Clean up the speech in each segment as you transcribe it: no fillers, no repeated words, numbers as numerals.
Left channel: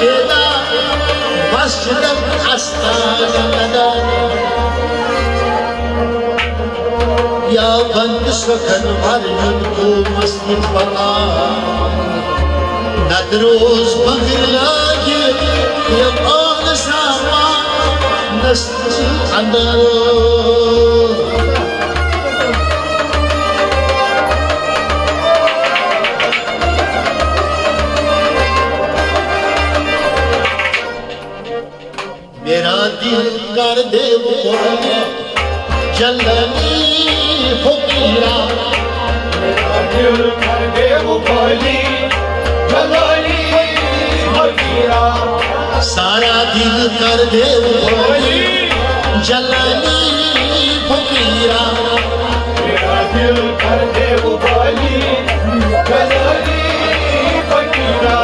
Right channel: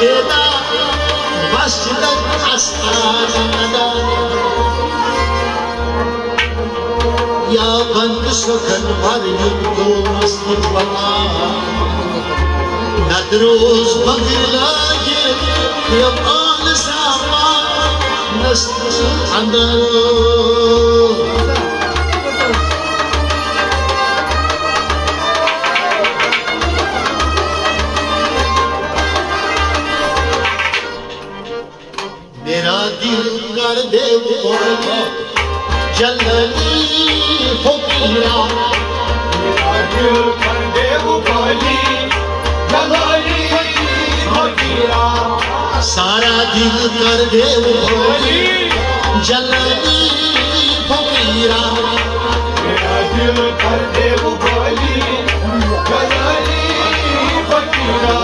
Eda Masjidat Astana Ya band sakhan marjun ko masjid bana Nadroz bagir lage Ya an sama Nast andar Mera dil kar de boli Jalali Fakira Mera dil kar de boli Jalali Fakira Sara dil kar de boli Jalali Fakira Mera dil kar de boli Jalali Fakira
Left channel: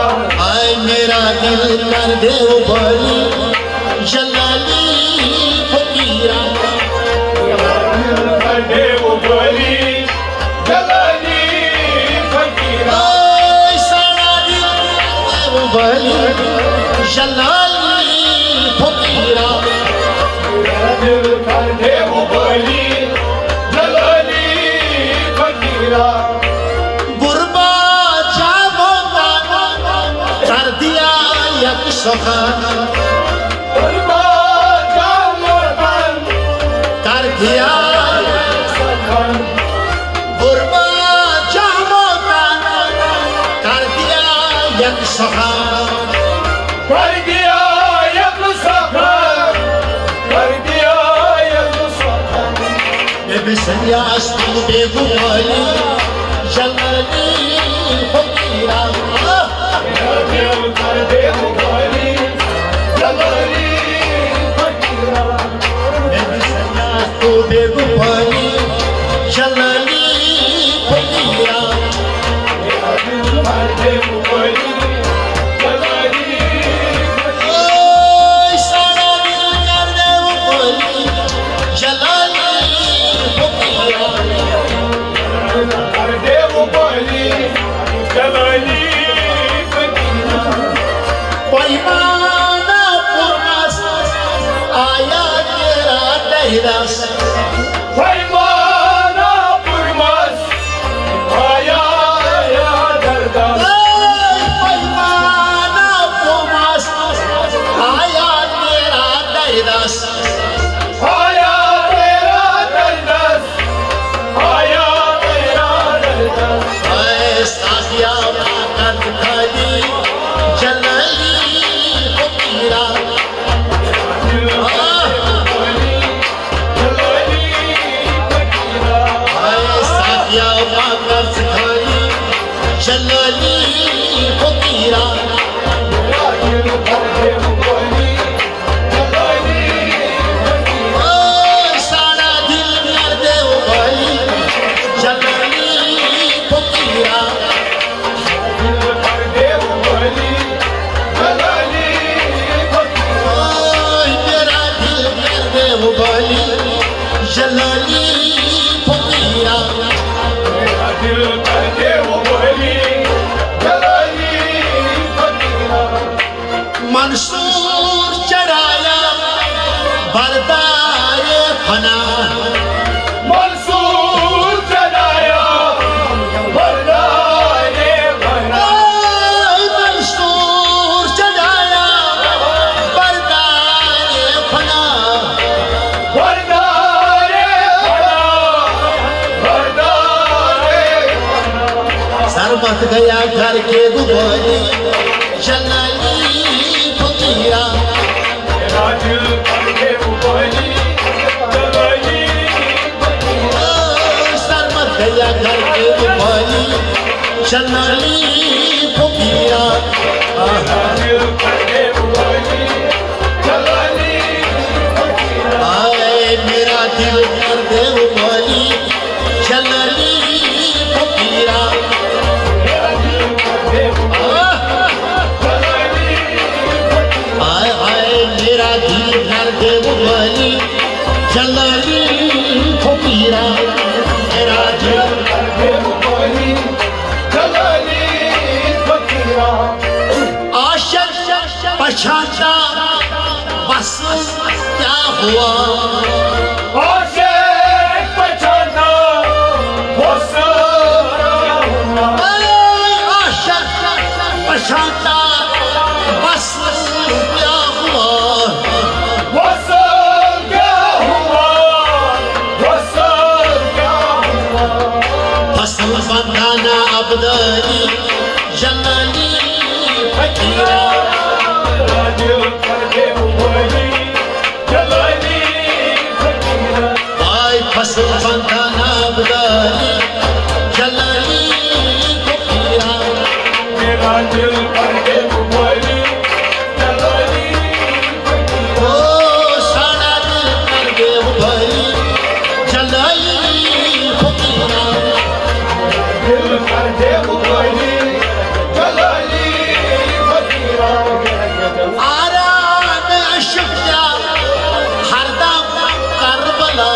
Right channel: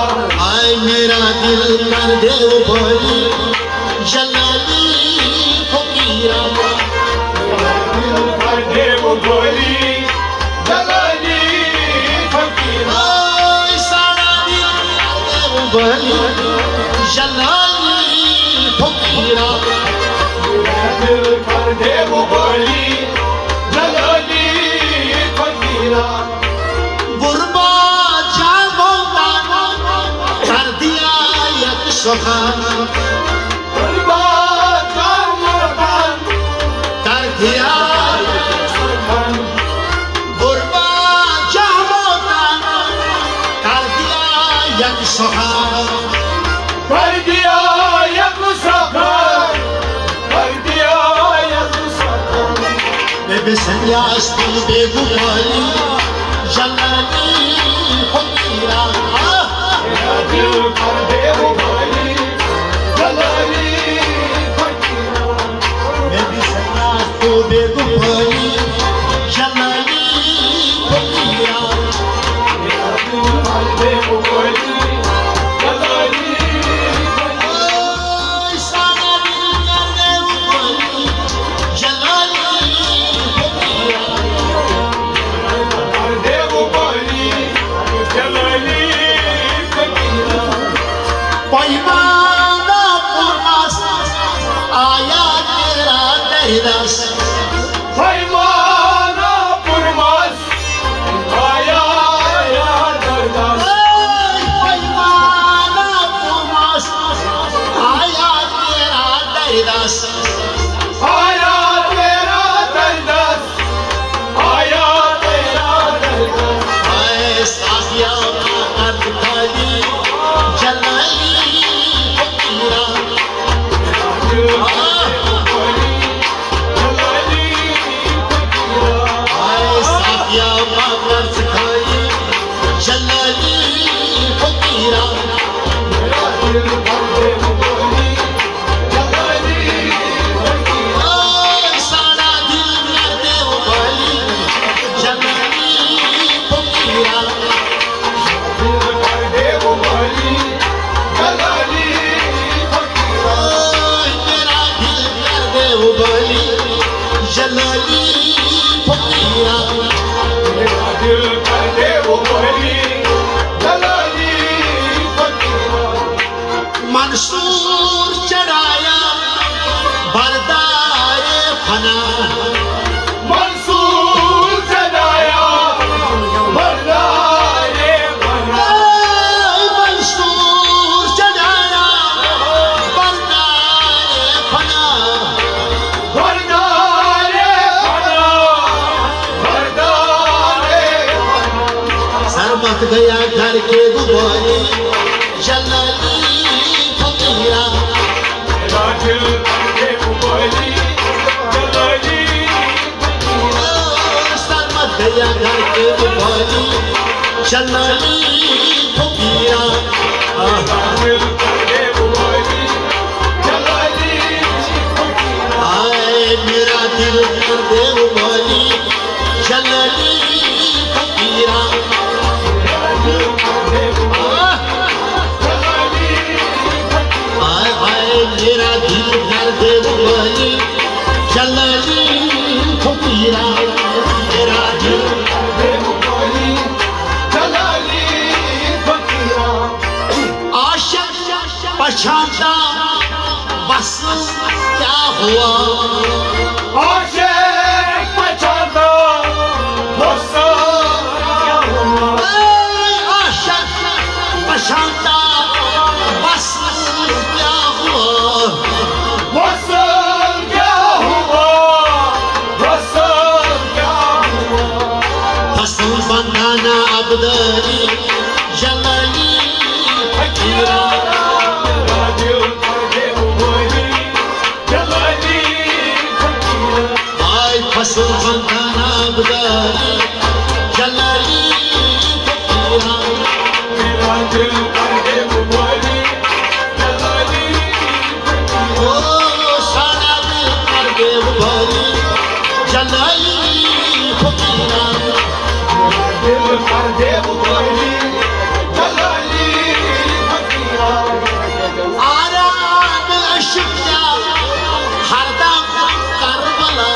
Ay mera dil kar de boli Jalali Fakira Mera dil kar de boli Jalali Fakira Ay sara dil kar de boli Jalali Fakira Mera dil kar de boli Jalali Fakira Gurba jabona kar diya yak sakhan Gurba jahmotan kar diya yak sakhan kar diya yak sakhan kar diya yak sakhan मैं बिसरियास तू बेगुमाली जलाली फकीरा मेरा दिल कर दे गुमाली जलाली फकीरा मैं बिसरियास तू बेगुमाली जलाली फकीरा मेरा दिल कर दे गुमाली जलाली फकीरा सारा दिल कर दे गुमाली जलाली पैमाना पुरमास आया तेरा दहरस पैमाना पुरमास आया दहरस पैमाना पुरमास आया तेरा दहरस आया तेरा दहरस आया तेरा दहरस ऐ साथिया कर खाली जलाई फकीरा साथिया कर खाली जलाई फकीरा सारा दिल कर दे भाई जलाई फकीरा जलाली फकीरा मेरा दिल कर दे वो बोली जलाली फकीरा मंसूर चढ़ाया बरदाए फना मंसूर चढ़ाया बरदाए फना मंसूर चढ़ाया बरदाए फना मत गया घर के दुबई जलाली फकीरा मेरा दिल कर दे दुबई जलाली फकीरा सर मत गया घर के दुबई जलाली फकीरा मेरा दिल कर दे दुबई जलाली फकीरा आए मेरा दिल कर दे दुबई जलाली फकीरा मेरा दिल कर दे बुबली जलाली फकीरा मेरा दिल कर दे बुबली जलाली फकीरा आशिक पछाता बस क्या हुआ आशिक पछाता बस क्या हुआ आशिक पछाता बस क्या हुआ बस क्या हुआ बस क्या हुआ फसल बनाना अब्दली जलाली फकीरा फसल बनाना अब्दली जलाली फकीरा मेरा दिल कर दे बोली जलाली ओ सारा दिल कर दे भरी जलाली फकीरा दिल कर दे बोली जलाली फकीरा आराम अशुक्या हरदम करबला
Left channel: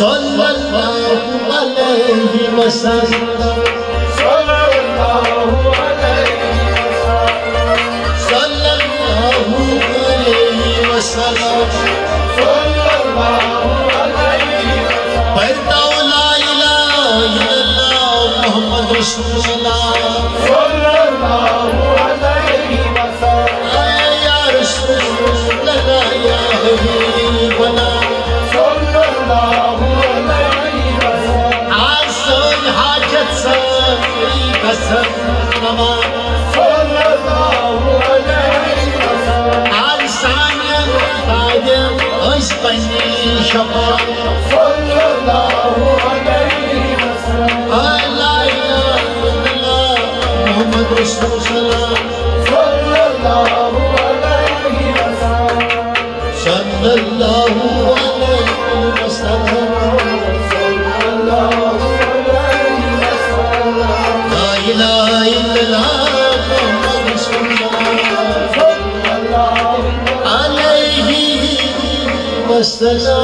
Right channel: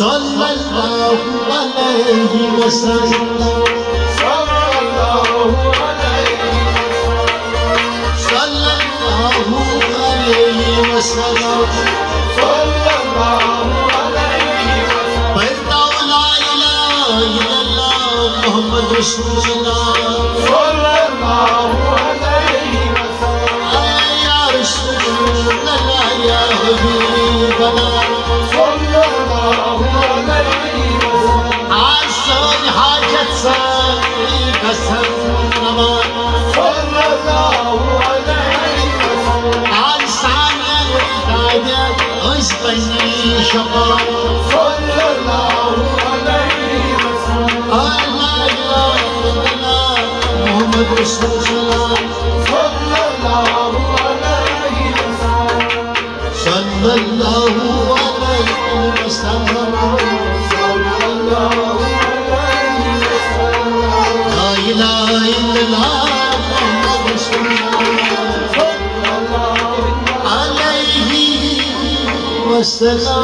सल्लल्लाहु अलैहि अलैहि वसल्लम सल्लल्लाहु अलैहि वसल्लम पढ़ता ला इलाहा इल्लल्लाह मुहम्मद रसूलुल्लाह सल्लल्लाहु अलैहि वसल्लम या रसूलल्लाह या हबीबल्लाह सल्लल्लाहु अलैहि वसल्लम आसान हाजत सारी कसम नमाज सल्लल्लाहु अलैहि वसल्लम आसान कायदे उस पन्नी शफा सल्लल्लाहु अलैहि वसल्लम ला इलाहा इल्लल्लाह मुहम्मद रसूलुल्लाह सल्लल्लाहु अलैहि वसल्लम सल्लल्लाहु अलैहि वसल्लम सल्लल्लाहु अलैहि वसल्लम ला इलाहा इल्लल्लाह मुहम्मद रसूलुल्लाह अलैहि वसल्लम